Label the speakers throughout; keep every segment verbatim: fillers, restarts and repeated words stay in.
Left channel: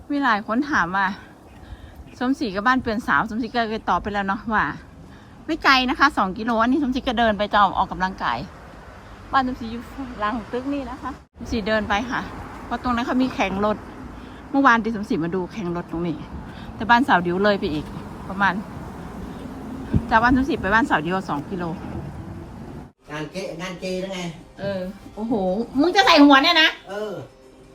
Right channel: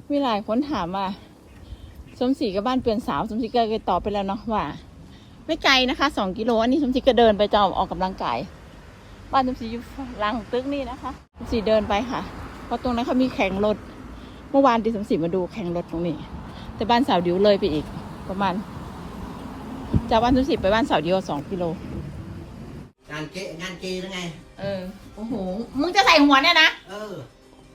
Speaker 1: มีหลายคนถามว่าสมศรีกับบ้านเปลี่ยนสาวสมศรีก็เคยตอบไปแล้วเนาะว่า ไม่ไกลนะคะสองกิโลอันนี้สมศรีก็เดินไปจะออกกำลังกายบ้านสมศรีอยู่หลังตึกนี่นะคะสมศรีเดินไปค่ะเพราะตรงนั้นเขามีแข่งรถเมื่อวานที่สมศรีมาดูแข่งรถตรงนี้แต่บ้านสาวดิวเลยไปอีกประมาณจากบ้านสมศรีไปบ้านสาวดิวสองกิโล
Speaker 2: งานเกงานเกแล้วไง
Speaker 1: เออโอ้โหมึงจะใส่หัวเนี่ยนะ
Speaker 2: เออ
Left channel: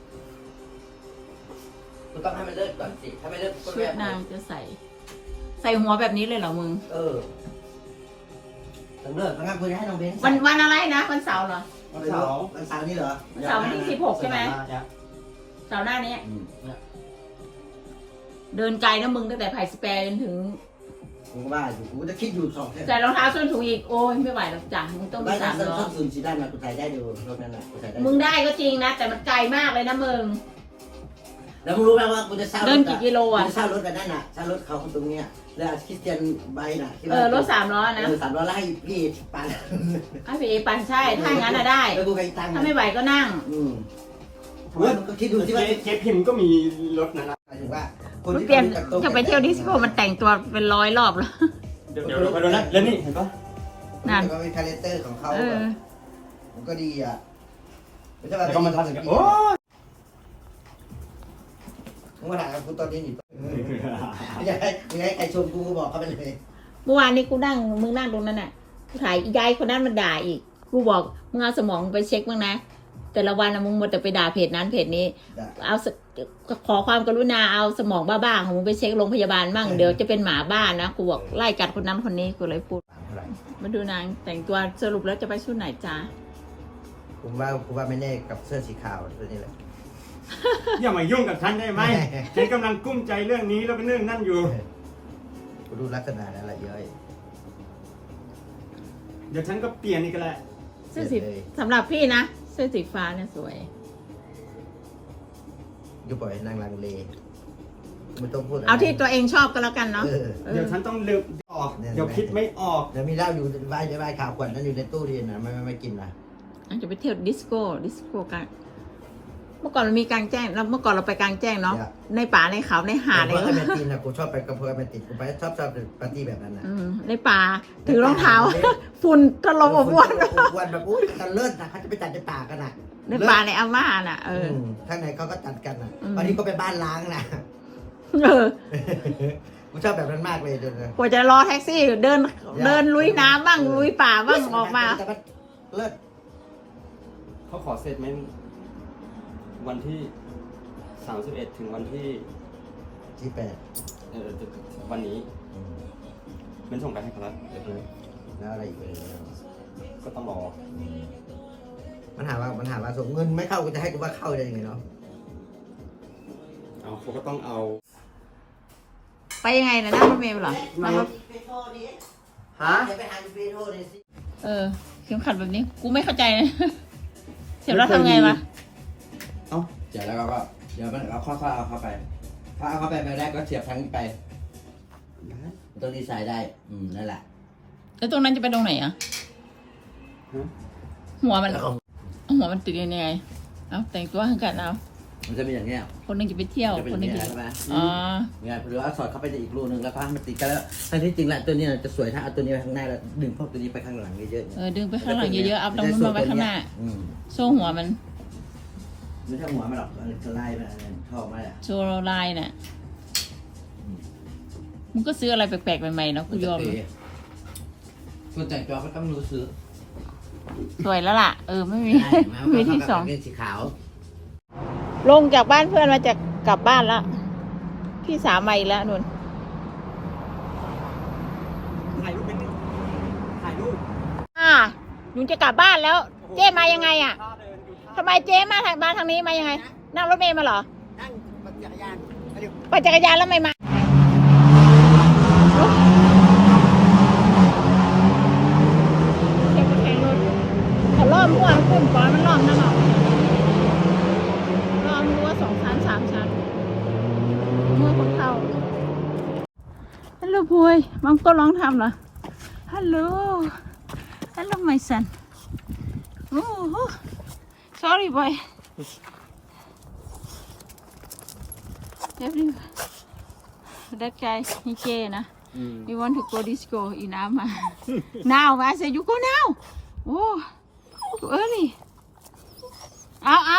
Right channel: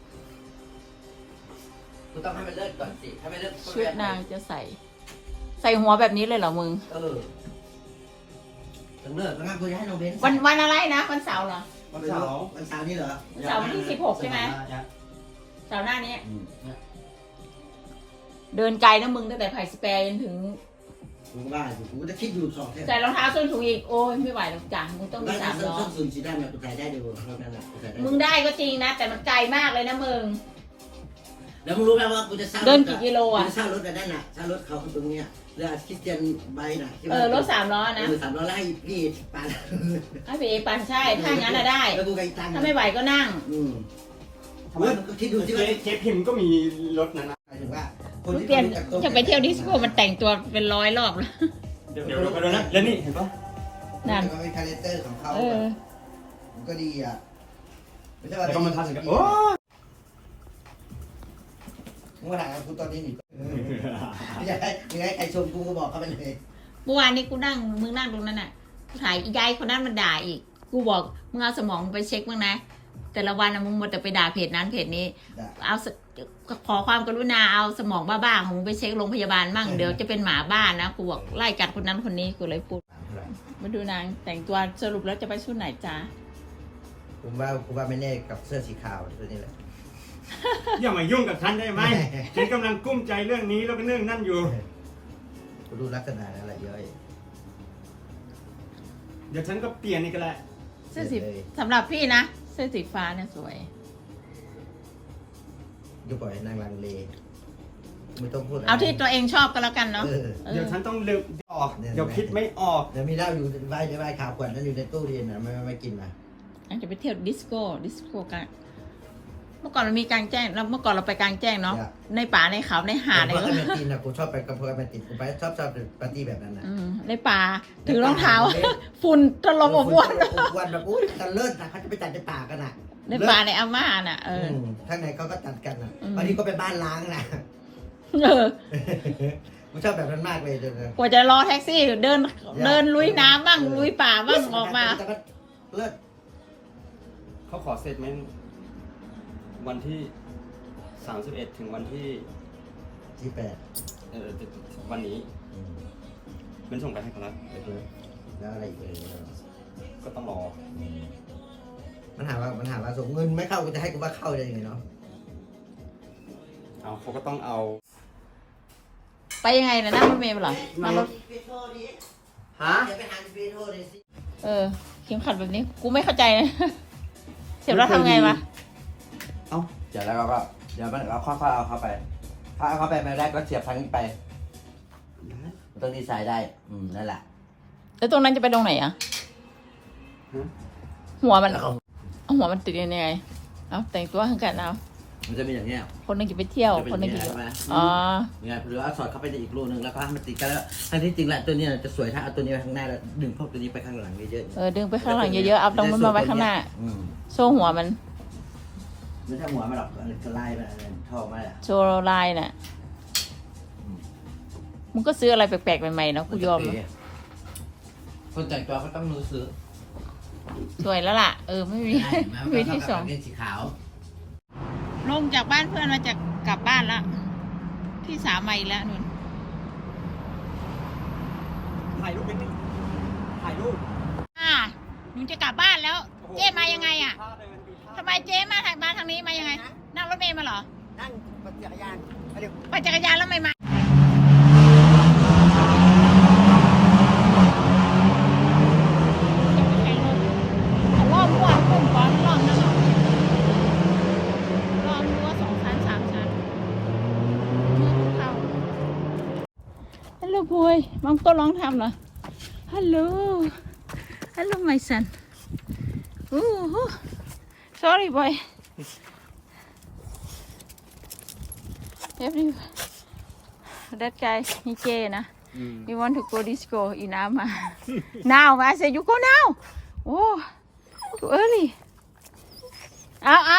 Speaker 2: กูต้องให้มันเลิกก่อนสิถ้าไม่เลิก
Speaker 1: ชุดนางจะใส่ใส่หัวแบบนี้เลยเหรอมึง
Speaker 2: เออต้องเลิกต้องคุยให้น้องเบน
Speaker 1: วันวันอะไรนะวันเสาร์เหรอ
Speaker 2: วันเสาร์วันเสาร์นี่เหรอ
Speaker 1: วันเสาร์ที่สิบหกใช่ไหมเสาร์หน้านี้เดินไกลนะมึงตั้งแต่ไผ่สเปรจนถึง
Speaker 2: กูว่าอยู่กูจะคิดอยู่สอง
Speaker 1: ใส่รองเท้าส้นสูงอีกโอ้ยไม่ไหวหรอกจ้ะมึงต้องมีสามล้อ
Speaker 2: ส้นสูงสีดำนะกูใส่ได้เดี๋ยวเท่านั้นแหละกูใส่ได้
Speaker 1: มึงได้ก็จริงนะแต่มันไกลมากเลยนะมึง
Speaker 2: แล้วมึงรู้ไหมว่ากูจะเช่ารถ
Speaker 1: เดินกี่กิโลอ่ะ
Speaker 2: เช่ารถกันนั่นน่ะเช่ารถเขาตรงนี้แล้วคิดเตียนใบน่ะ
Speaker 1: เออรถสามล้อนะ
Speaker 2: เออสามล้อไล่พี่ปัน
Speaker 1: อ่ะพี่ปันใช่ถ้างั้นอะได้
Speaker 2: แล้วกูไปตั้ง
Speaker 1: ถ้าไม่ไหวก็นั่ง
Speaker 2: อืมก็คิดดูที่ว่า
Speaker 3: เคสพิมก็มีรถนะนะ
Speaker 2: หมายถึงว่า
Speaker 1: คนที่เปลี่ยนจะไปเที่ยวดิสโก้มันแต่งตัวเป็นร้อยรอบแล้ว
Speaker 3: เดี๋ยวเดี๋ยวไปดูนะแล้วนี่เห็นปะ
Speaker 2: นั่นก็เป็นคาแรคเตอร์ของเขาแบบมันก็ดีอ่ะไม่ใช่ว่า
Speaker 3: แต่ก็มันทันกันโอ้
Speaker 2: มึงมาถ่ายกับกูตอนนี้อยู่ไม่ใช่ไม่ใช่ใครชมกูก็บอกเขาไปเลย
Speaker 1: เมื่อวานนี้กูนั่งมึงนั่งตรงนั้นน่ะกูถ่ายยายคนนั้นมันด่าอีกกูบอกมึงเอาสมองไปเช็คบ้างนะแต่ละวันมึงหมดแต่ไปด่าเพจนั้นเพจนี้เอาขอความกรุณาเอาสมองบ้าๆของมึงไปเช็คโรงพยาบาลบ้างเดี๋ยวจะเป็นหมาบ้านนะกูบอกไล่กัดคนนั้นคนนี้กูเลยพูดมาดูนางแต่งตัวสรุปแล้วจะไปชุดไหนจ้า
Speaker 2: ผมว่าผมว่าไม่แน่กับเสื้อสีขาวตัวนี้แหละ
Speaker 3: อย่ามายุ่งกับฉันได้ไหมฉันกำลังกุ้มใจเรื่องนี้แล้วก็เรื่องนั่นอยู่
Speaker 2: กูดูลักษณะนั่นแหละเยอะ
Speaker 3: เดี๋ยวฉันก็เปลี่ยนอีกแล้ว
Speaker 1: เสื้อสีสำหรับพี่นะเสื้อสีฟ้าเนี่ยสวย
Speaker 2: ยุบปล่อยนางลังเลไม่ต้องพูด
Speaker 1: เอาที่ตัวเองชอบก็แล้วกันเนาะ
Speaker 3: เดี๋ยวฉันต้องเลือกออกเดี๋ยวคิดไม่ออก
Speaker 2: เดี๋ยวมีเหล้าอยู่ใบใบขาวขวดนั้นอยู่ในตู้เรียนนะไม่ไม่กินนะ
Speaker 1: อาจจะไปเที่ยวดิสโก้ดิสโก้กันเมื่อก่อนเรามีการแจ้งแล้วเมื่อก่อนเราไปกลางแจ้งเนาะในป่าในเขาในหาดใน
Speaker 2: ก็ไม่ติดนะกูชอบไปกับเพื่อนไม่ติดกูไปชอบชอบปาร์ตี้แบบนั้นนะ
Speaker 1: ในป่าถือรองเท้าฝุ่นตลบอบอวน
Speaker 2: วันแบบอุ้ยกันเลิศนะเขาจะไปจัดในป่ากันอ่ะ
Speaker 1: ในป่าในอาม่าน่ะเออ
Speaker 2: ข้างในเขาก็จัดกันอ่ะวันนี้ก็ไปบ้านล้างนะกูชอบแบบนั้นมากเลยเดี๋ยว
Speaker 1: กว่าจะรอแท็กซี่เดินเดินลุยน้ำบ้างลุยป่าบ้างออกมา
Speaker 2: เลิศ
Speaker 3: เขาขอเซตเมนต์วันที่สามสิบเอ็ดถึงวันที่
Speaker 2: ที่แปด
Speaker 3: เออวันนี้เป็นส่งไปให้เขาแล้ว
Speaker 2: แล้วอะไรอีกเลย
Speaker 3: ก็ต้องรอ
Speaker 2: มันหาว่ามันหาว่าส่งเงินไม่เข้ากูจะให้กูว่าเข้าได้ยังไงเนาะ
Speaker 3: เอาเขาก็ต้องเอา
Speaker 1: ไปยังไงนะนั่งเมล์เหรอ
Speaker 3: ฮะ
Speaker 1: เออเข็มขัดแบบนี้กูไม่เข้าใจนะเสียบแล้วทำไงวะ
Speaker 2: เอ้าเดี๋ยวแล้วก็เดี๋ยวมันเราค่อยๆเอาเข้าไปพอเอาเข้าไปมาได้ก็เสียบทางนี้ไปตรงนี้ใส่ได้อืมนั่นแหละ
Speaker 1: แล้วตรงนั้นจะไปตรงไหนอ่ะหัวมันหัวมันติดยังไงเอาแต่งตัวให้กันเอา
Speaker 2: มันจะมีอย่างเงี้ย
Speaker 1: คนนึงจะไปเที่ยวคนนึงจะ
Speaker 2: อ๋อเนี่ยหรือว่าสอดเข้าไปในอีกรูนึงแล้วก็ให้มันติดกันแล้วทั้งที่จริงแหละตัวนี้จะสวยถ้าเอาตัวนี้ไปข้างหน้าแล้วดึงพวกตัวนี้ไปข้างหลังเยอะๆ
Speaker 1: เออดึงไปข้างหลังเยอะๆเอาตรงนั้นมาไว้ข้างหน้าโซ่หัวมัน
Speaker 2: ไม่ใช่หัวมันหรอกมันลายมันท่อมาแหละ
Speaker 1: โชว์ลายน่ะมึงก็ซื้ออะไรแปลกๆใหม่ๆเนาะกูยอม
Speaker 2: คนแต่งตัวเขาต้องรู้ซื้อ
Speaker 1: สวยแล้วล่ะเออไม่มีไม่มีที่สอง
Speaker 2: เป็นสีขาว
Speaker 1: ลงจากบ้านเพื่อนมาจะกลับบ้านแล้วพี่สาวมาอีกแล้วนุ่น
Speaker 3: ถ่ายรูปเป็นถ่ายรูป
Speaker 1: อ่าหนูจะกลับบ้านแล้วเจ๊มายังไงอ่ะทำไมเจ๊มาทางบ้านทางนี้มายังไงนั่งรถเมล์มาเหรอ
Speaker 2: นั่งปั่นจักรยาน
Speaker 1: ปั่นจักรยานแล้วไม่มาเข็มแข็งรถเขาล้อมมั่วขึ้นก่อนมันล้อมนั่งเอาล้อมรั้วสองชั้นสามชั้นเมื่อพวกเขาฮัลโหลพวยมังก็ร้องทำนะฮัลโหลฮัลโหลmy sonโอ้โห sorry boy If you that guy he gay นะ
Speaker 3: Mm.
Speaker 1: you want to go disco in Ama now I say you go now oh too early เอาเอา